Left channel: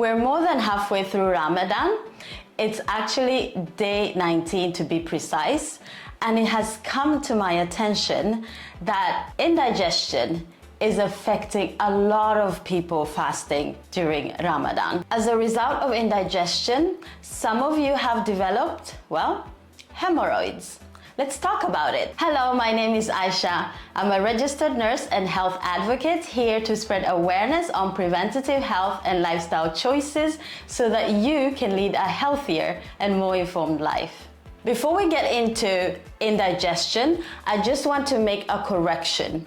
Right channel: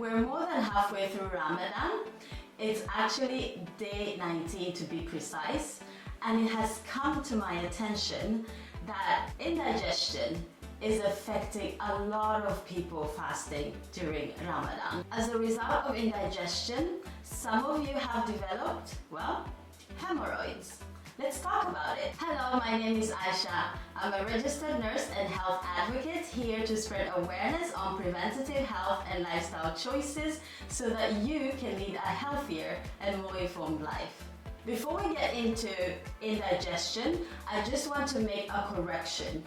We're more than halfway through Ramadan. It's actually day 19 to be precise, and it has come to my attention that indigestion is affecting a lot of people fasting during Ramadan. As a result of indigestion, some of you have developed, well, hemorrhoids. Let's talk about it. Hello, my name is Aisha. I'm a registered nurse and health advocate here to spread awareness on preventative health and lifestyle choices so that you can lead a healthier and more informed life. Before we get into indigestion, I just want to make a correction.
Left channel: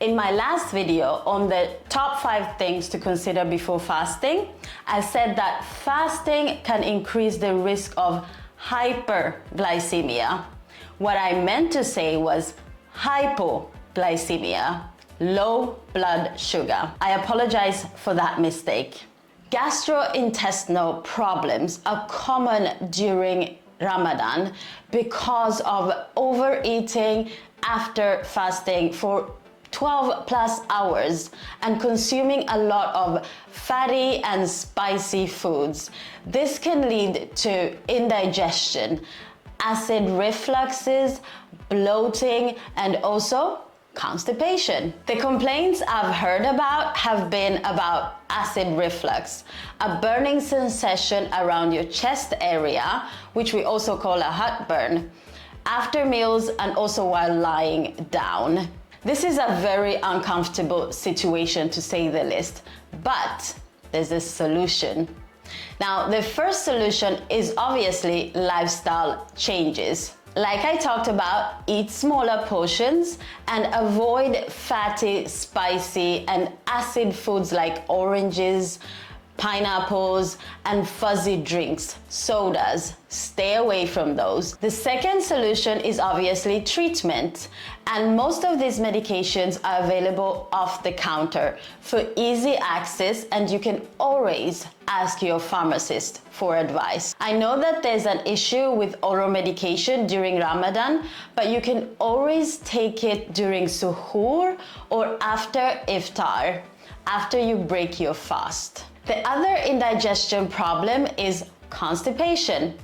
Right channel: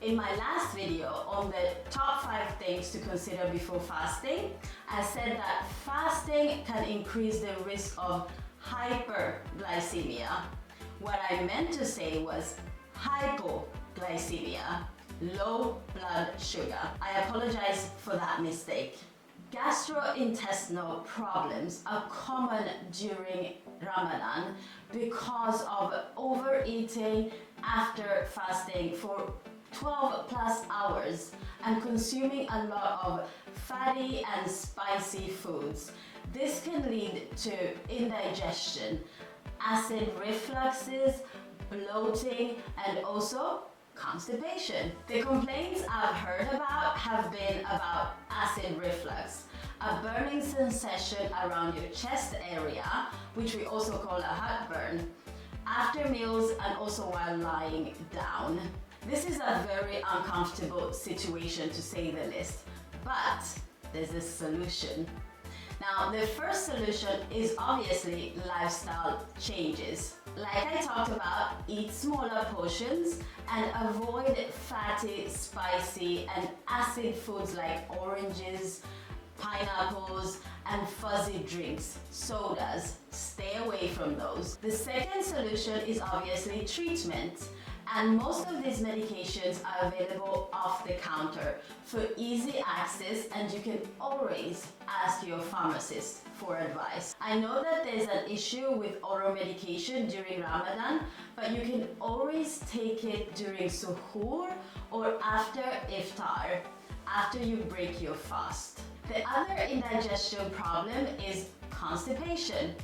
In my last video on the top 5 things to consider before fasting, I said that fasting can increase the risk of hyperglycemia. What I meant to say was hypoglycemia, low blood sugar. I apologize for that mistake. Gastrointestinal problems are common during Ramadan because of overeating after fasting for 12 plus hours and consuming a lot of fatty and spicy foods. This can lead to indigestion, acid refluxes, bloating, and also constipation. The complaints I've heard about have been about acid reflux, a burning sensation around your chest area, which we also call a heartburn, after meals and also while lying down. This is a very uncomfortable situation, to say the least, but there's a solution. Now, the first solution is obviously lifestyle changes. Like I talked about, eat smaller portions and avoid fatty, spicy, and acid foods like oranges, pineapples, and fuzzy drinks, sodas. Stay away from those. The second solution is obviously treatment, and most of these medications are available off the counter for easy access, and you can always ask your pharmacist for advice. I know that there's an issue with oral medication during Ramadan, but you can always take it during suhoor or after iftar, after you break your fast. The other indigestion problem is constipation,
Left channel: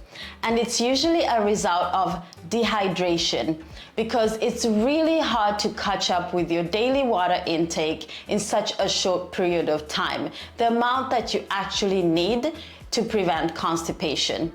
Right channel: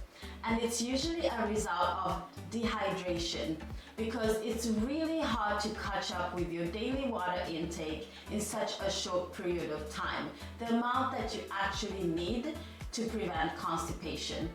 and it's usually a result of dehydration because it's really hard to catch up with your daily water intake in such a short period of time, the amount that you actually need to prevent constipation.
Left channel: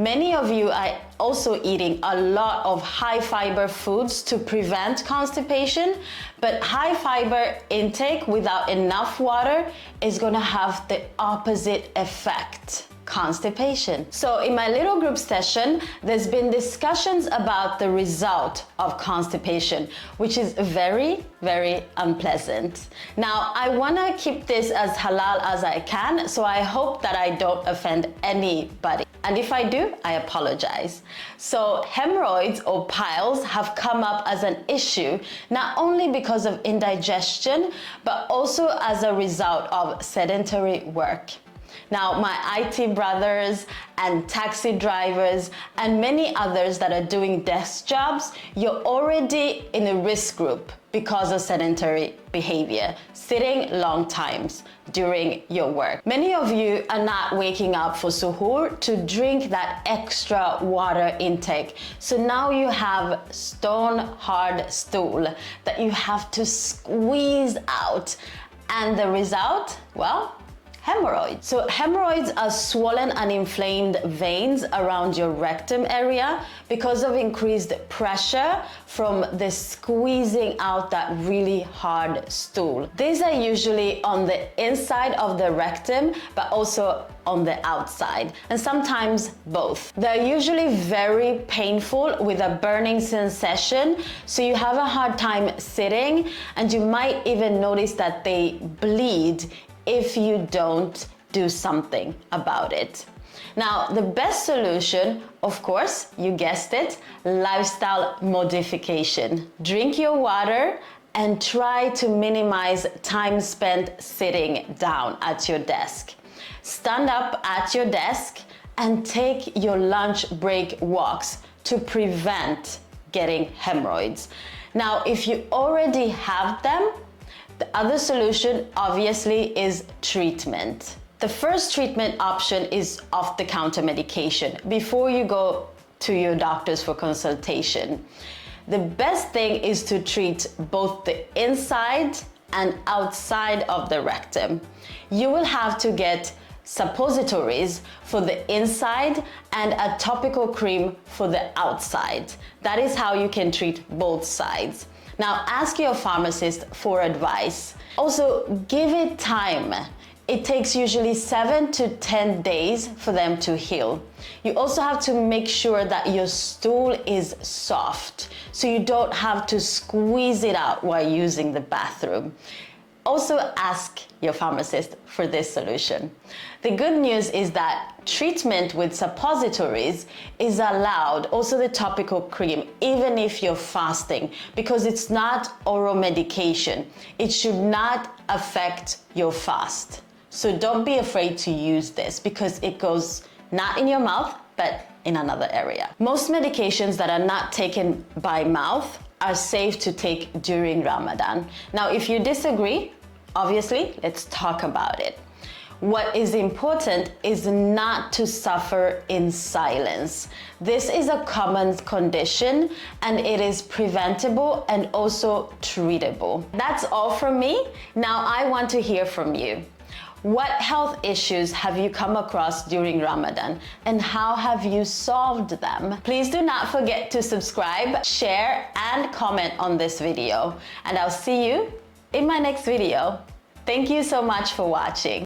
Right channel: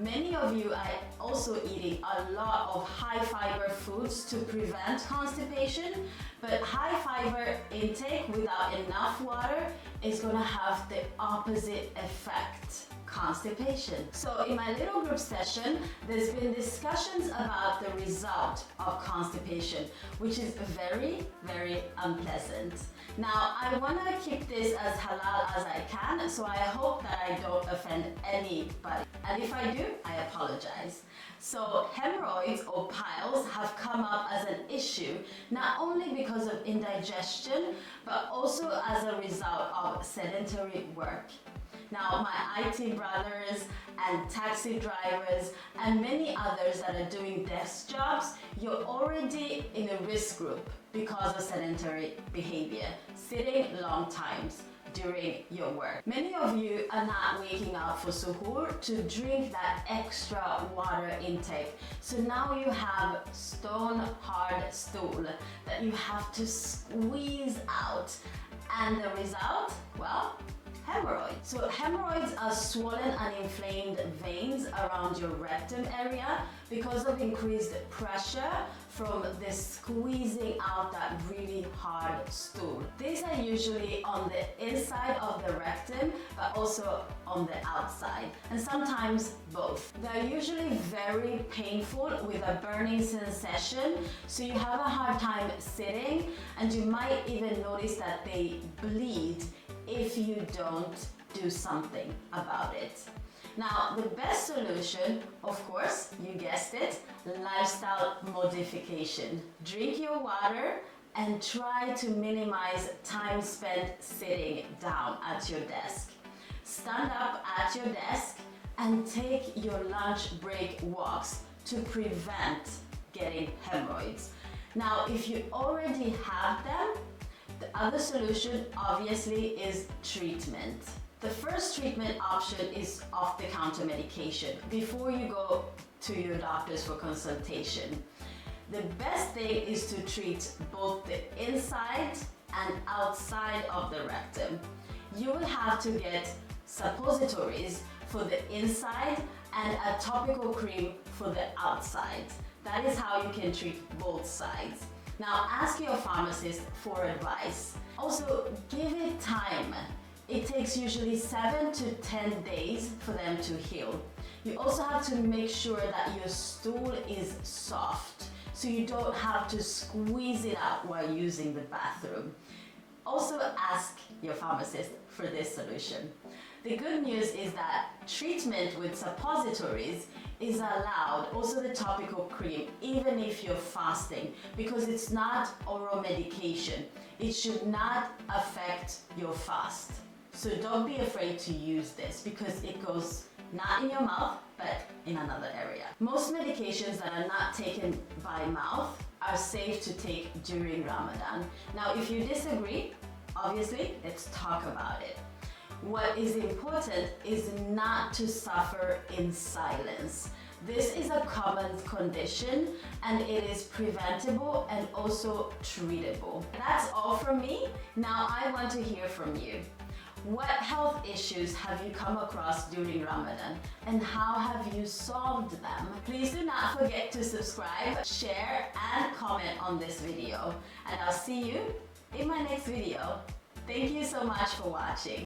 Many of you are also eating a lot of high fiber foods to prevent constipation, but high fiber intake without enough water is going to have the opposite effect: constipation. So in my little group session, there's been discussions about the result of constipation, which is very, very unpleasant. Now, I want to keep this as halal as I can, so I hope that I don't offend anybody. And if I do, I apologize. So hemorrhoids or piles have come up as an issue, not only because of indigestion, but also as a result of sedentary work. Now, my IT brothers and taxi drivers and many others that are doing desk jobs, you're already in a risk group because of sedentary behavior, sitting long times during your work. Many of you are not waking up for suhoor to drink that extra water intake. So now you have stone hard stool that you have to squeeze out. And the result, well, hemorrhoids. So hemorrhoids are swollen and inflamed veins around your rectum area because of increased pressure from the squeezing out that really hard stool. These are usually on the inside of the rectum, but also on the outside, and sometimes both. They're usually very painful with a burning sensation, so you have a hard time sitting, and you might even notice that they bleed if you don't do something about it. Now, the best solution, of course, you guessed it, lifestyle modification. Drink your water and try to minimize time spent sitting down at your desk. Stand up at your desk and take your lunch break walks to prevent getting hemorrhoids. Now, if you already have them, the other solution obviously is treatment. The first treatment option is off-the-counter medication before you go to your doctors for consultation. The best thing is to treat both the inside and outside of the rectum. You will have to get suppositories for the inside and a topical cream for the outside. That is how you can treat both sides. Now ask your pharmacist for advice. Also, give it time. It takes usually 7 to 10 days for them to heal. You also have to make sure that your stool is soft, so you don't have to squeeze it out while using the bathroom. Also ask your pharmacist for this solution. The good news is that treatment with suppositories is allowed, also the topical cream, even if you're fasting, because it's not oral medication. It should not affect your fast. So don't be afraid to use this because it goes not in your mouth, but in another area. Most medications that are not taken by mouth are safe to take during Ramadan. Now, if you disagree, obviously, let's talk about it. What is important is not to suffer in silence. This is a common condition and it is preventable and also treatable. That's all from me. Now I want to hear from you. What health issues have you come across during Ramadan and how have you solved them? Please do not forget to subscribe, share, and comment on this video. And I'll see you in my next video. Thank you so much for watching.